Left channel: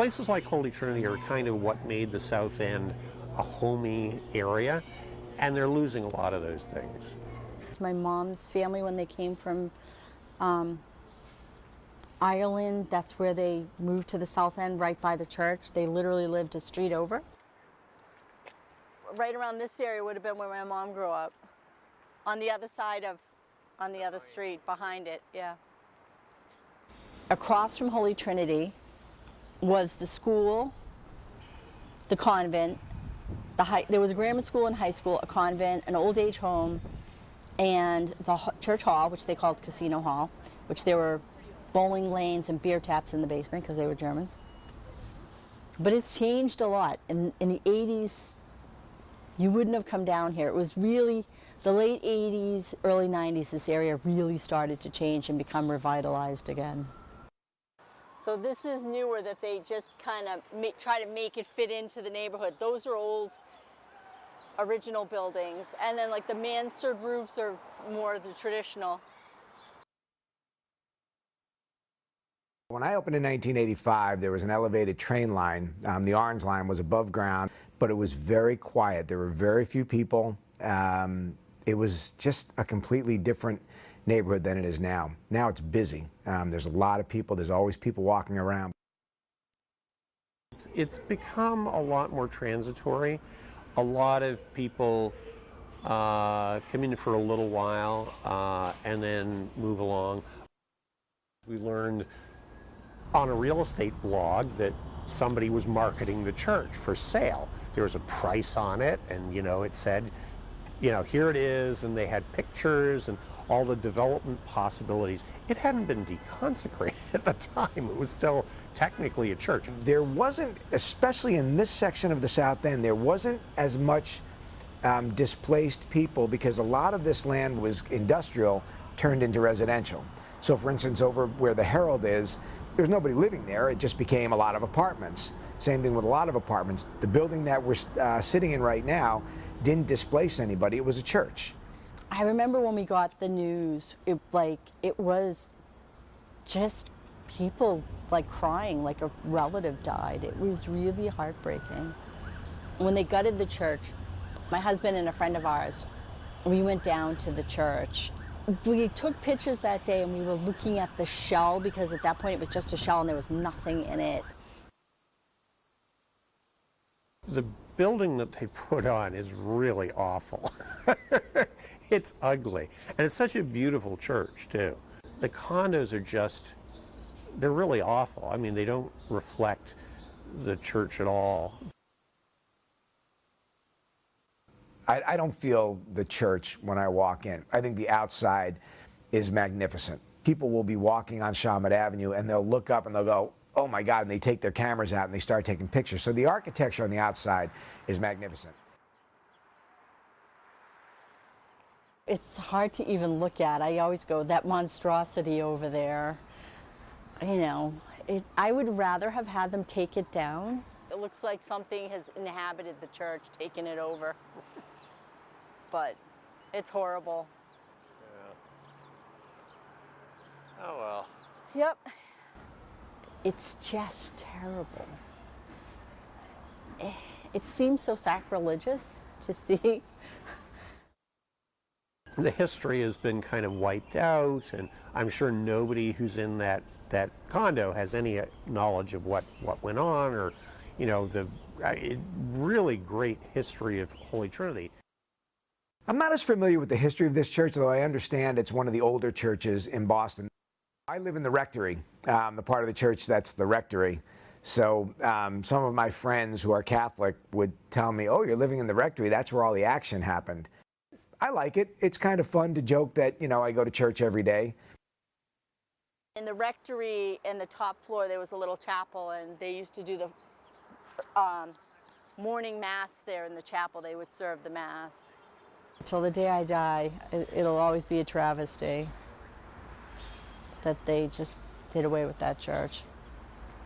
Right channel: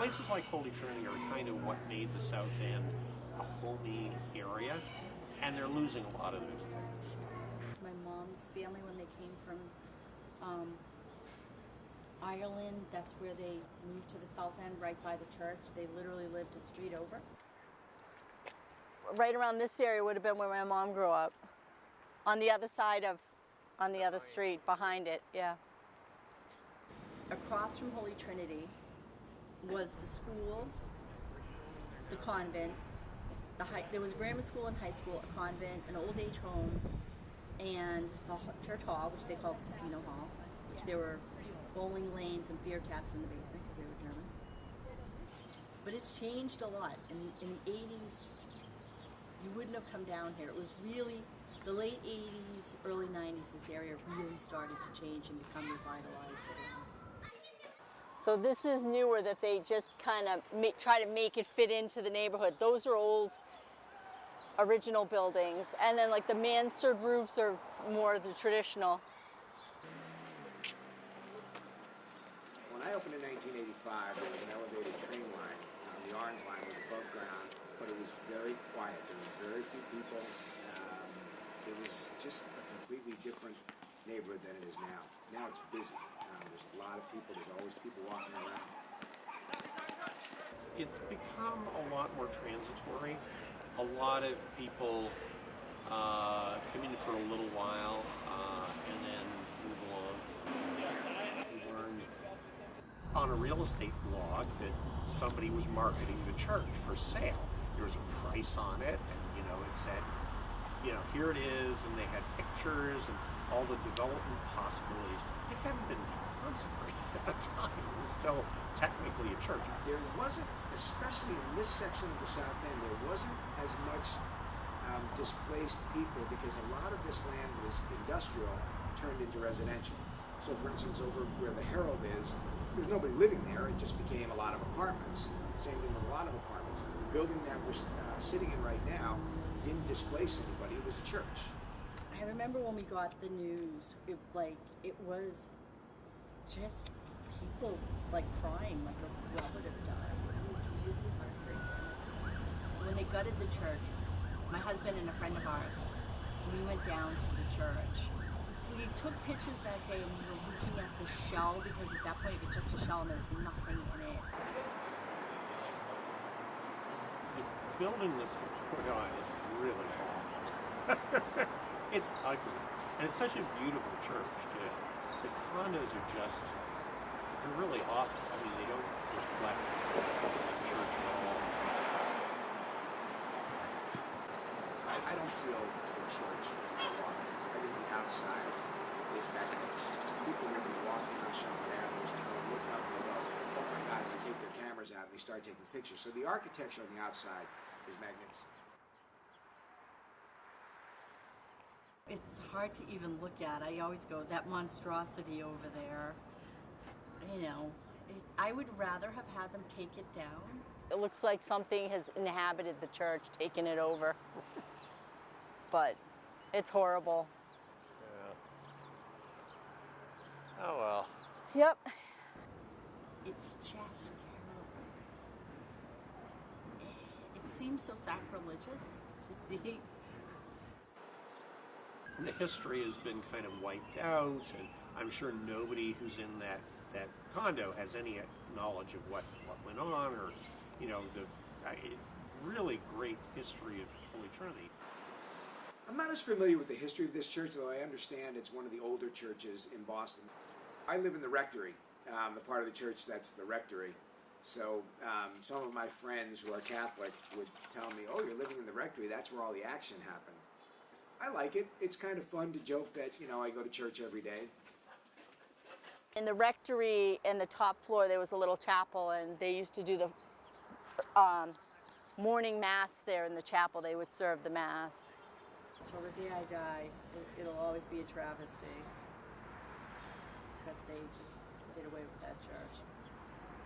Places like Holy Trinity are kind of what made the South End a homey area, and they're losing a lot of those things. My mom's family, when they came from Ireland, that's where they moved to the South End, right by the church. They literally lived a street over. Right around this area would have been where my mom grew up. On the other side of, on the other street, behind it, yeah. Across from Holy Trinity was the school, the convent, there was a grammar school and high school, a convent, an old age home, and the church hall, which they called Casino Hall, which there were bowling lanes and beer taps in the basement because they were Germans. But it's changed a lot. In the 80s, you wouldn't have come down here. It was really the late 80s, early 90s, this area really started to change and become revitalized again. So this is newer, that they just kind of try to make it fit into the neighborhood. Those are old, original buildings. And then like the mansard roofs are more the traditional. When I opened in 1985, there was an elevated train line. The Orange Line was above ground, but it was very quiet. There were very few people. It was just a completely different neighborhood than it is now. Now it's busy. There's a lot of people. There's always people walking around. It's become a lot more transitory. A lot of people come in for a little while and then move along. We learned on a real estate blog that somebody was marketing the church for sale. There was a price on it, and it said, here it is, and they had pictures and all the development possibilities. It hadn't been deconsecrated at the time. It was still technically a church. There wasn't, especially in this section of the South End, there wasn't as much displaced people because a lot of this land was industrial turned into residential. So for instance, over where the Herald is, there's nobody living there. It just became a lot of apartments. Same thing with a lot of apartments. The building that we're sitting in right now didn't displace anybody. It was a church. I remember when we got the news, it was just people crying like a relative died. It was really heartbreaking. When they gutted the church, my husband and a friend of ours, we went down to the church. We took pictures that day and we were looking at the shell because at that point it was just a shell and there was nothing in it. The building that they put on is really awful. It's ugly. And it's such a beautiful church, too. The condos are just, they're really awful. I mean, they don't reflect the church at all. I don't feel the church when I walk in. I think the outside is magnificent. People will be walking on Shawmut Avenue and they'll look up and they'll go, oh my God, and they take their cameras out and they start taking pictures. So the architecture on the outside is magnificent. It's hard to even look at. I always go, that monstrosity over there, I would rather have had them take it down. It looks like something has inhabited the church, taken it over. But it's horrible. Yeah. Oh well. Yep. It's just terrible. It seems so sacrilegious to see. The history has been kind of wiped out, and I'm sure nobody who's in that condo has any knowledge of what went on, or the really great history of Holy Trinity. I'm not as familiar with the history of this church, though I understand it's one of the older churches in Boston. I live in the rectory, the part of the church that's the rectory. So some of my friends who are Catholic would tell me, oh, you're living in the rectory, that's where all the action happened. I like it. It's kind of fun to joke that, I go to church every day. In the rectory, in the top floor, there was a little chapel, and they used to do the morning mass there in the chapel. They would serve the mass. Till the day I die, it'll always be a travesty that they just did away with that church.